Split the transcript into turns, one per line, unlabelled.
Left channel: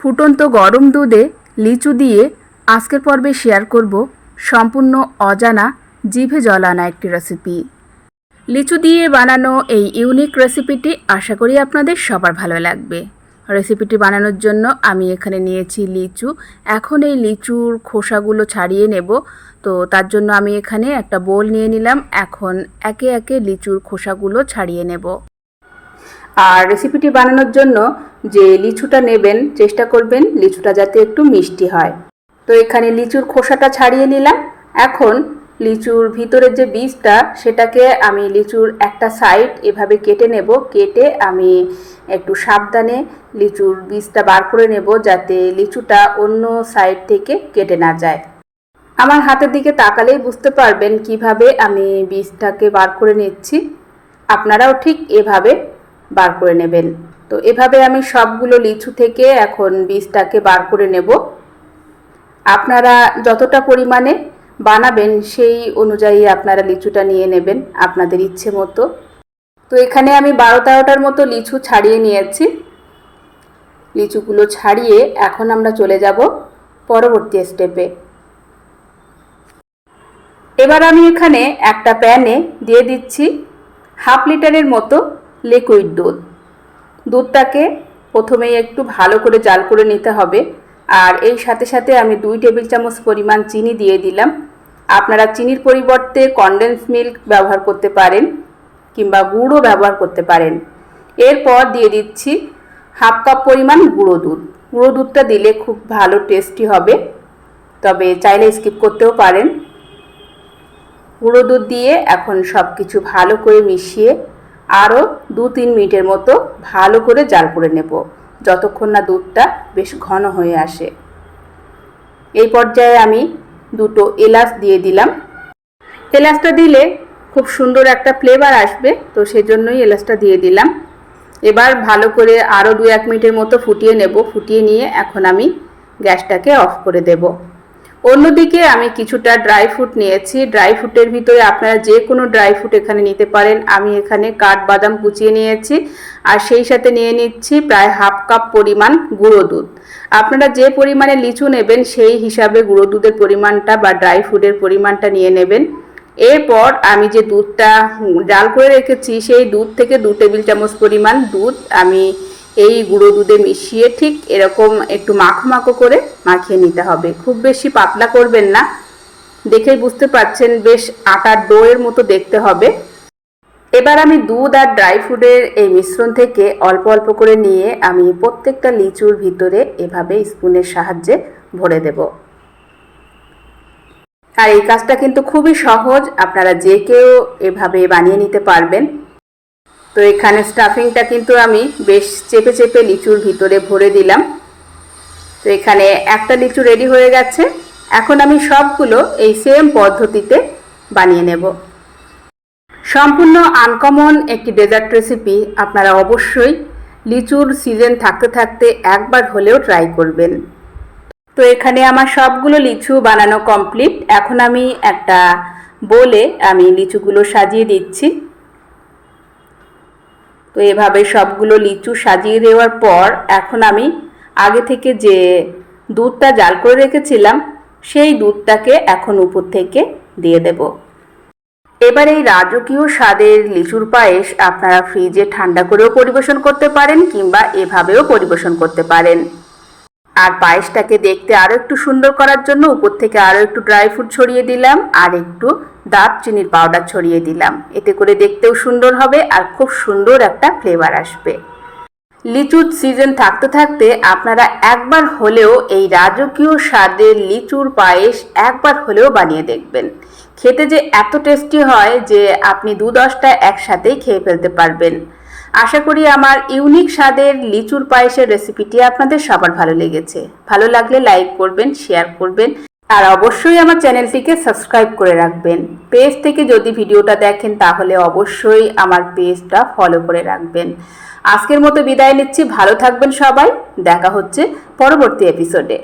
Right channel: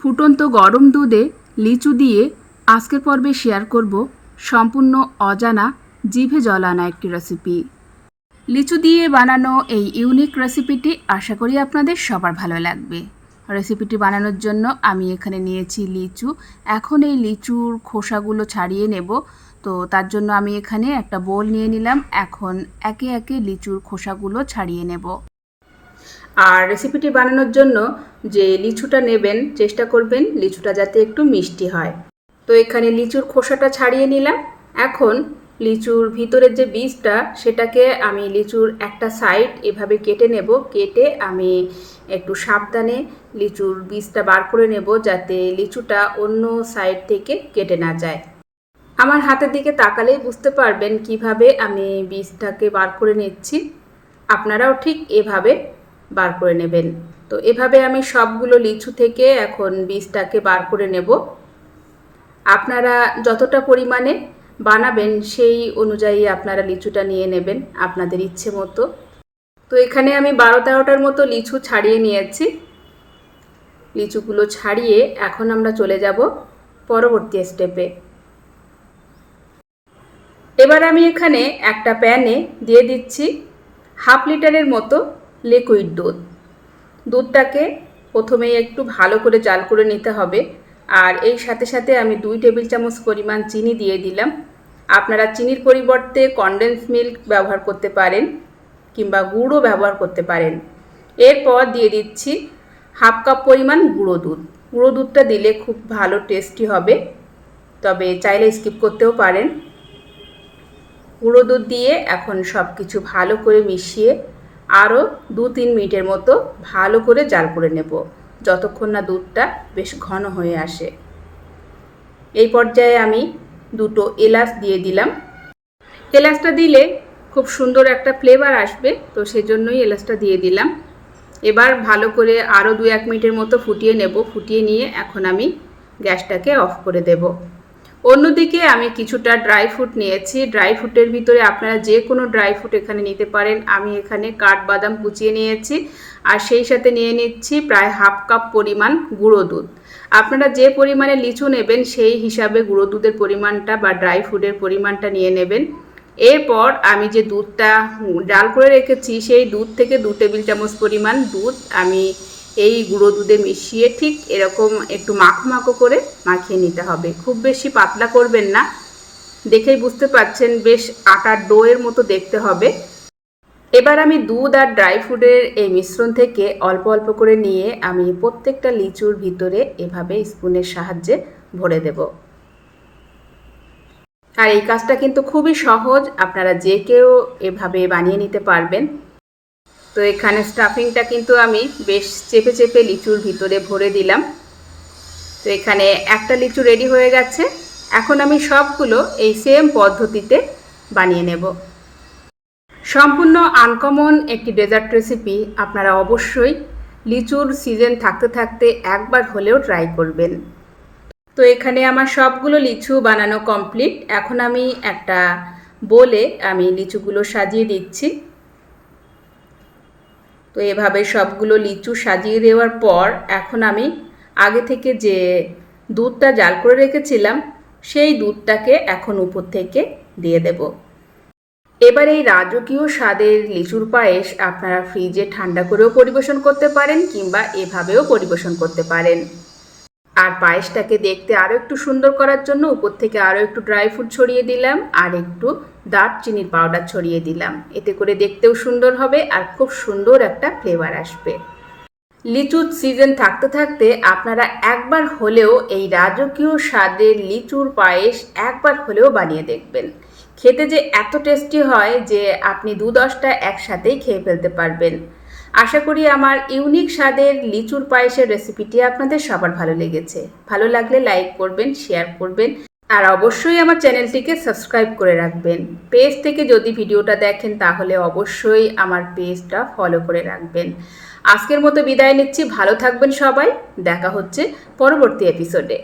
ফুটন্ত গরম দুধে লিচু দিয়ে আজকের পর্বে শেয়ার করব সম্পূর্ণ অজানা জিভে জল আনা একটি রেসিপি লিচু দিয়ে বানানো এই ইউনিক রেসিপিটি আশা করি আপনাদের সবার ভালো লাগবে। রেসিপিটি বানানোর জন্য আমি এখানে নিয়েছি লিচু। এখন এই লিচুর খোসাগুলো ছাড়িয়ে নেব। তো তার জন্য আমি এখানে একটা বোল নিয়ে নিলাম। এখন একে একে লিচুর খোসাগুলো ছাড়িয়ে নেব। আর রেসিপিটি বানানোর জন্য যে লিচুটা নেবেন, চেষ্টা করবেন লিচুটা যাতে একটু মিষ্টি হয়। তো এখানে লিচুর খোসাটা ছাড়িয়ে নিলাম। এখন লিচুর ভিতরের যে বীজটা, সেটাকে আমি লিচুর একটা সাইড এভাবে কেটে নেব। কেটে আমি একটু সাবধানে লিচুর বীজটা বার করে নেব যাতে লিচুটা অন্য সাইড থেকে কেটে না যায়। আমার হাতের দিকে তাকালেই বুঝতে পারবেন কীভাবে আমি বীজটাকে বার করে নিচ্ছি। আপনারাও ঠিক এভাবে বার করে নেবেন। তো এভাবে আমি সবগুলো লিচু থেকে এখন বীজটাকে বার করে নেব। আপনারা যতটা পরিমাণে বানাবেন সেই অনুযায়ী আপনারা লিচুটা নিয়ে নেবেন আপনাদের ইচ্ছে মতো। তো এখানে আমি বারো তেরোটার মতো লিচু ছাড়িয়ে নিয়েছি। লিচুগুলো ছাড়িয়ে এখন আমরা চলে যাব পরবর্তী স্টেপে। এবার আমি এখানে একটা প্যানে দিয়ে দিচ্ছি হাফ লিটারের মতো লিকুইড দুধ। দুধটাকে প্রথমেই একটু ভালো করে জাল করে নিতে হবে। আর এই সাথে সাথে আমি দুই টেবিল চামচ পরিমাণ চিনি দিয়ে দিলাম। আপনারা চিনির পরিবর্তে কনডেন্স মিল্ক ব্যবহার করতে পারেন কিংবা গুঁড়ো ব্যবহার করতে পারেন। এরপর দিয়ে দিচ্ছি হাফ কাপ পরিমাণ গুঁড়ো দুধ। গুঁড়ো দুধটা দিলে খুব ভালো টেস্টি হবে। তবে চাইলে স্কিপ করতেও পারেন। গুঁড়ো দুধ দিয়ে এখন সব কিছু ভালো করে মিশিয়ে আরও দু তিন মিনিটের মতো ভালো করে জাল করে নেব, যতক্ষণ না দুধটা বেশ ঘন হয়ে আসে। এই পর্যায়ে আমি দুটো এলাচ দিয়ে দিলাম। এলাচটা দিলে খুব সুন্দর একটা ফ্লেভার আসবে, তো সেজন্যই এলাচটা দিয়ে দিলাম। এবার ভালো করে আরও দু এক মিনিটের মতো ফুটিয়ে নেব। ফুটিয়ে নিয়ে এখন আমি গ্যাসটাকে অফ করে দেব। অন্যদিকে আমি কিছুটা ড্রাই ফ্রুট নিয়েছি। ড্রাই ফ্রুটের ভিতরে আপনারা যে কোনো ড্রাই ফ্রুট এখানে নিতে পারেন। আমি এখানে কাঠবাদাম কুচিয়ে নিয়েছি আর সেই সাথে নিয়ে নিচ্ছি প্রায় হাফ কাপ পরিমাণ গুঁড়ো দুধ। আপনারা যে পরিমাণে লিচু নেবেন সেই হিসাবে গুঁড়ো দুধের পরিমাণটা বা ড্রাই ফ্রুটের পরিমাণটা নিয়ে নেবেন। এরপর আমি যে দুধটা জাল করে রেখেছি সেই দুধ থেকে দু টেবিল চামচ পরিমাণ দুধ আমি এই গুঁড়ো দুধে মিশিয়ে ঠিক এরকম একটু মাখো মাখো করে মাখিয়ে নিতে হবে। খুব বেশি পাতলা করবেন না। দেখেই বুঝতে পারছেন বেশ আটার ডোয়ের মতো দেখতে হবে। এবার আমি দুধ আর ড্রাই ফ্রুটের এই মিশ্রণ থেকে অল্প অল্প করে নিয়ে আমি প্রত্যেকটা লিচুর ভিতরে এভাবে স্পুনের সাহায্যে ভরে দেব। আর এই কাজটা কিন্তু খুবই সহজ। আপনারা যে কেউ এভাবে বানিয়ে নিতে পারবেন। তো এখানে স্টাফিংটা কিন্তু আমি বেশ চেপে চেপে লিচুর ভিতরে ভরে দিলাম। তো এখানে একটা লিচু রেডি হয়ে গেছে। এখন আমি সবগুলো এই সেম পদ্ধতিতে বানিয়ে নেব। সম্পূর্ণ আনকমন একটি ডেজার্ট রেসিপি আপনারা অবশ্যই লিচুর সিজন থাকতে থাকতে একবার হলেও ট্রাই করবেন। তো এখানে আমার সবগুলো লিচু বানানো কমপ্লিট। এখন আমি একটা বলে আমি লিচুগুলো সাজিয়ে দিচ্ছি। তো এভাবে সবগুলো লিচু সাজিয়ে দেওয়ার পর এখন আমি আগে থেকে যে দুধটা জাল করে রেখেছিলাম, সেই দুধটাকে এখন উপর থেকে দিয়ে দেব। এবার এই রাজকীয় স্বাদের লিচুর পায়েস আপনারা ফ্রিজে ঠান্ডা করেও পরিবেশন করতে পারেন কিংবা এভাবেও পরিবেশন করতে পারেন। আর পায়েসটাকে দেখতে আরও একটু সুন্দর করার জন্য উপর থেকে আরও একটু ড্রাই ফ্রুট ছড়িয়ে দিলাম আর একটু দারচিনির পাউডার ছড়িয়ে দিলাম। এতে করে দেখতেও সুন্দর হবে আর খুব সুন্দর একটা ফ্লেভার আসবে। লিচুর সিজন থাকতে থাকতে আপনারা একবার হলেও এই রাজকীয় স্বাদের লিচুর পায়েস একবার হলেও বানিয়ে দেখবেন। খেতে যে এত টেস্টি হয় যে আপনি দু দশটা একসাথেই খেয়ে ফেলতে পারবেন। আশা করি আমার ইউনিক স্বাদের লিচুর পায়েসের রেসিপিটি আপনাদের সবার ভালো লেগেছে। ভালো লাগলে লাইক করবেন, শেয়ার করবেন, আর অবশ্যই আমার চ্যানেলটিকে সাবস্ক্রাইব করে রাখবেন। পেজ থেকে যদি ভিডিওটা দেখেন, তাহলে অবশ্যই আমার পেজটা ফলো করে রাখবেন। আজকের মতো বিদায় নিচ্ছি। ভালো থাকবেন সবাই। দেখা হচ্ছে পরবর্তী এপিসোডে